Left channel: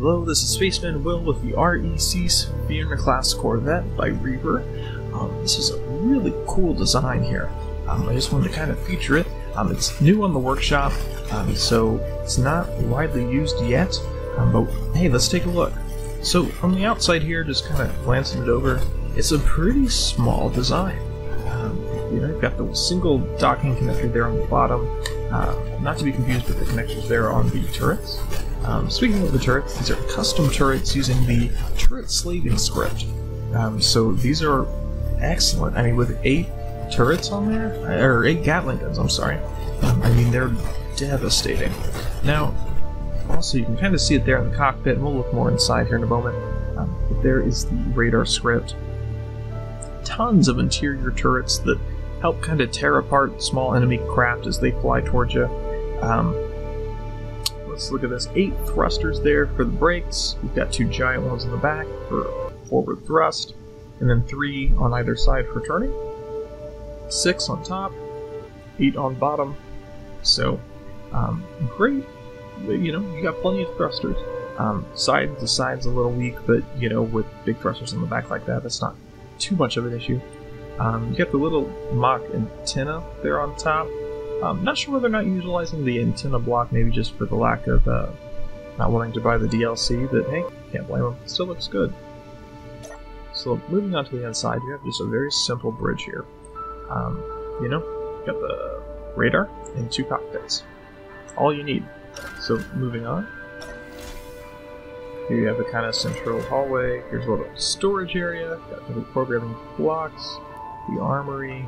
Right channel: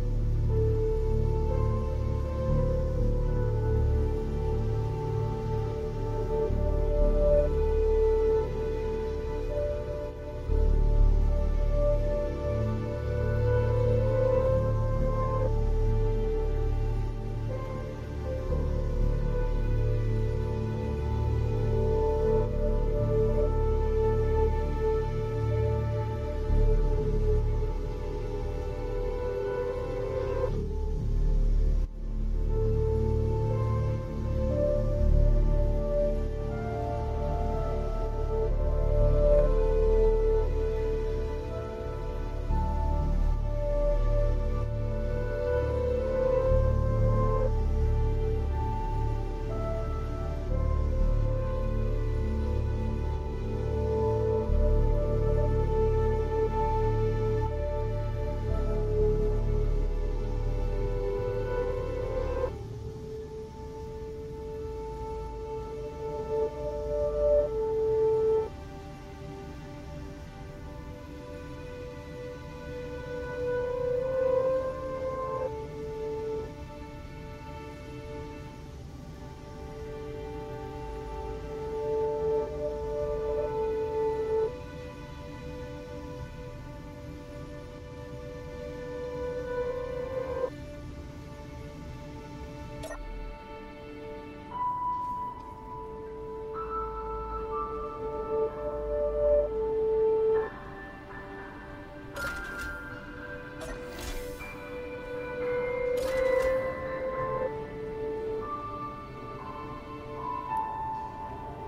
Hello, this is Spaceman Will with the REC Sphyrna class Corvette by Reaver. This is a really cool design here. I just wanted to kind of feature it. It's new on the workshop, so it's not widely used yet, but hey, let's take a look. So from the outside here, just kind of glancing it over, it's a pretty small design. You've got the single docking connector there on the bottom, not to be confused with the connectors there on the turrets. Speaking of the turrets, these are custom turrets using the turret slaving script. So these are excellent. I mean, with 8 turrets on there, or 8 Gatling guns, I'm sorry. I mean, they're devastating. Now, also you can kind of see it there in the cockpit, and we'll look more inside here in a moment. There is the radar script. Tons of interior turrets that help kind of tear apart small enemy craft as they fly towards you. Let's look at this. 8 thrusters there for the brakes. We've got 2 giant ones in the back for forward thrust, and then 3 on either side for turning. 6 on top, 8 on bottom. So, great. You got plenty of thrusters. The side's a little weak, but with big thrusters on the back like that, that's not too much of an issue. You got the little mock antenna there on top. Not sure whether or not utilizing the antenna block, maybe just for the lack of not wanting to buy the DLC, but hey, can't blame them. Still looks good. So moving on to the inside, you have just a very simple bridge here. You got the radar and 2 cockpits. All you need. So moving on. Here you have the kind of central hallway. Here's a little storage area. Got the programming blocks, the armory.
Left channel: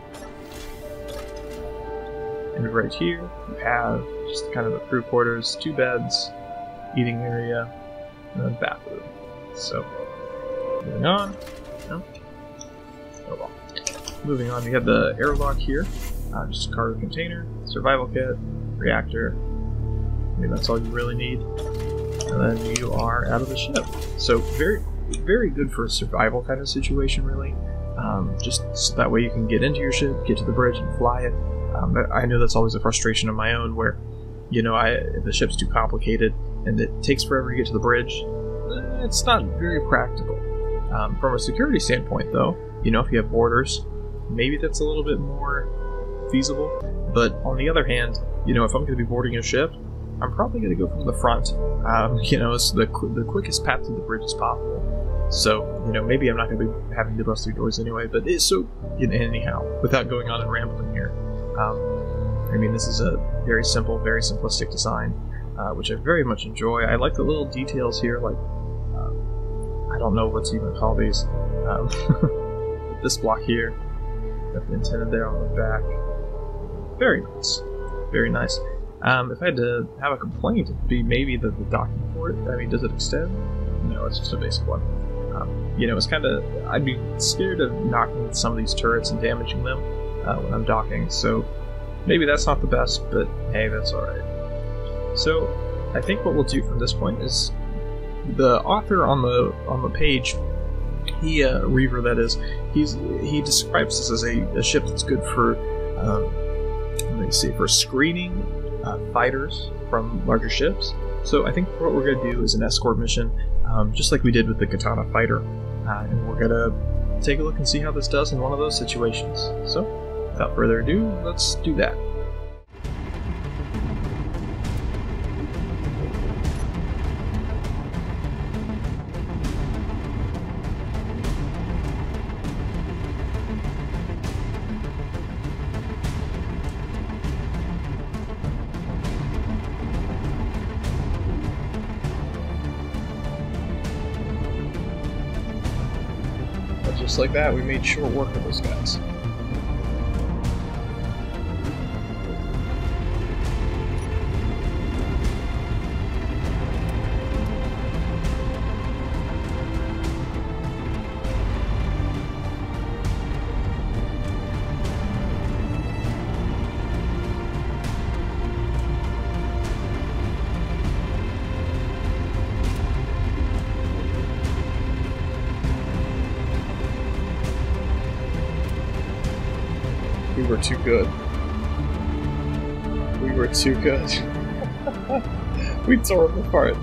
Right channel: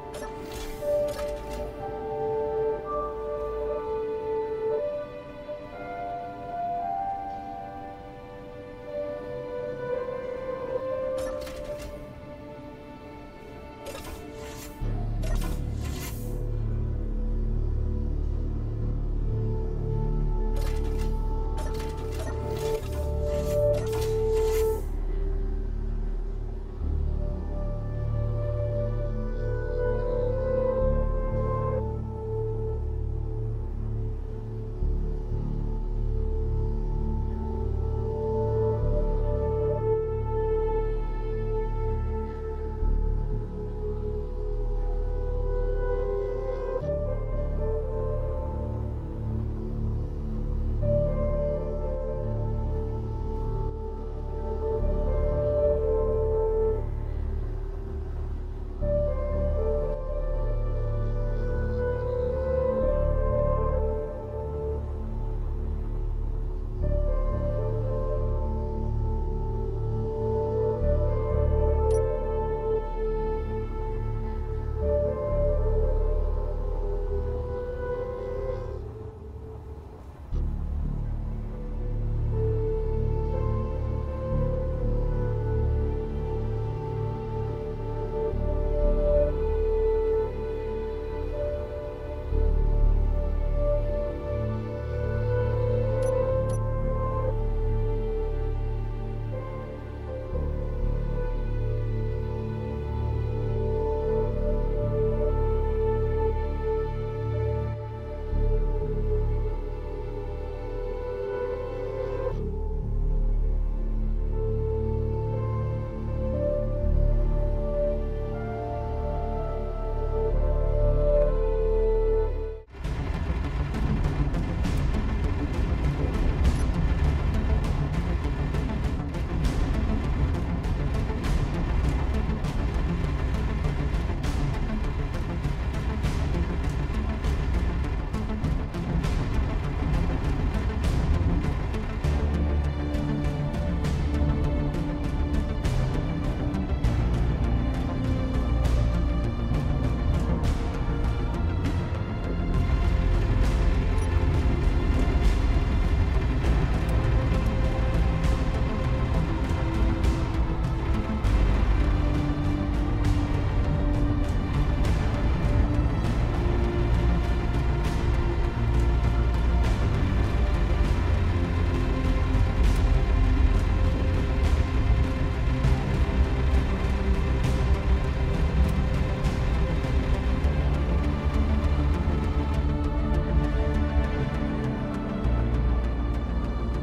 And right here, you have just kind of the crew quarters, 2 beds, eating area, and a bathroom. So, moving on. Oh well. Moving on, we have the airlock here. Just cargo container, survival kit, reactor. I mean, that's all you really need. And then you are out of the ship. So, very, very good for a survival kind of situation, really. Just so that way you can get into your ship, get to the bridge, and fly it. But I know that's always a frustration of my own where, the ship's too complicated and it takes forever to get to the bridge. It's not very practical. From a security standpoint, though, if you have boarders, maybe that's a little bit more feasible. But on the other hand, if I'm going to be boarding a ship, I'm probably going to go from the front. It's the quickest path to the bridge as possible. So, maybe I'm not going to be having to bust through doors anyway, but it's so, anyhow, without going on and rambling here. I mean, this is a very simple, very simplistic design, which I very much enjoy. I like the little details here, like, I don't know what to even call these. This block here, got the antenna there on the back. Very nice. Very nice. If I had to have a complaint, it would be maybe the docking port. I mean, does it extend? No, it's just a basic one. It's kind of, I'd be scared of knocking some of these turrets and damaging them when I'm docking, so maybe that's not the best, but hey, that's alright. So, I think what we'll do from this point is, the author on the page, Reaver that is, he describes this as a ship that's good for, for screening fighters from larger ships. So I think what we're going to do is an escort mission, just like we did with the Katana fighter, and we're going to take a look and see how this does in one of those situations. So, without further ado, let's do that. Just like that, we made short work of those guys. We were too good. We were too good. We tore them apart.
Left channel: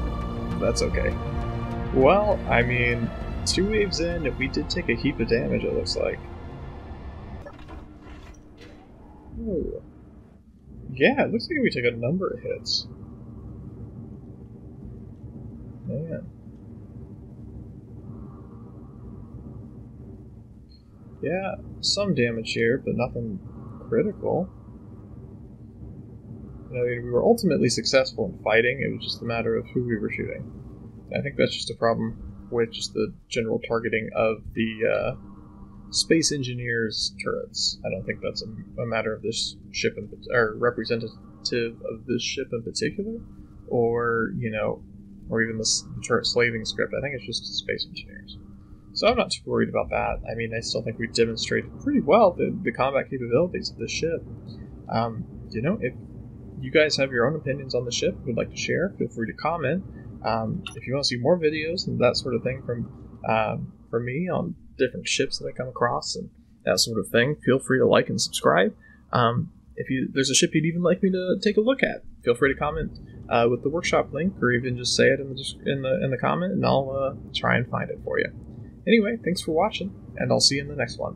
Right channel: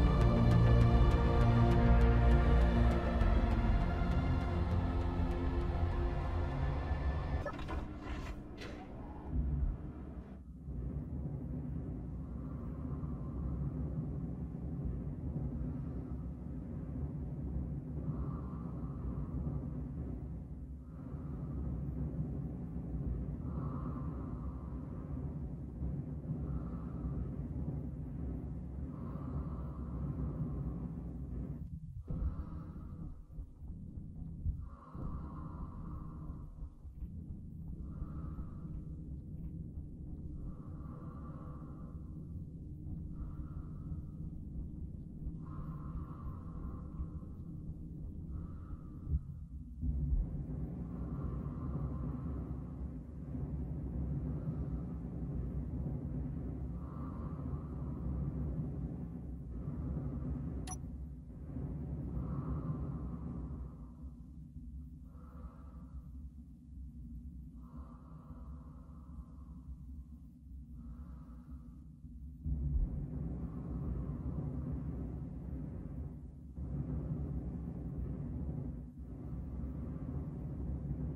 That's okay. Well, I mean, 2 waves in, and we did take a heap of damage, it looks like. Ooh. Yeah, it looks like we took a number of hits. Man. Yeah, some damage here, but nothing critical. You know, we were ultimately successful in fighting, it was just a matter of who we were shooting. I think that's just a problem with just the general targeting of the Space Engineers turrets. I don't think that's a matter of this ship or representative of this ship in particular, or or even the turret slaving script. I think it's just Space Engineers. So I'm not too worried about that. I mean, I still think we've demonstrated pretty well the combat capabilities of this ship. If you guys have your own opinions on the ship, would like to share, feel free to comment. If you want to see more videos and that sort of thing from me on different ships that I come across and that sort of thing, feel free to like and subscribe. If there's a ship you'd even like me to take a look at, feel free to comment with the workshop link, or even just say it in the comment, and I'll try and find it for you. Anyway, thanks for watching, and I'll see you in the next one.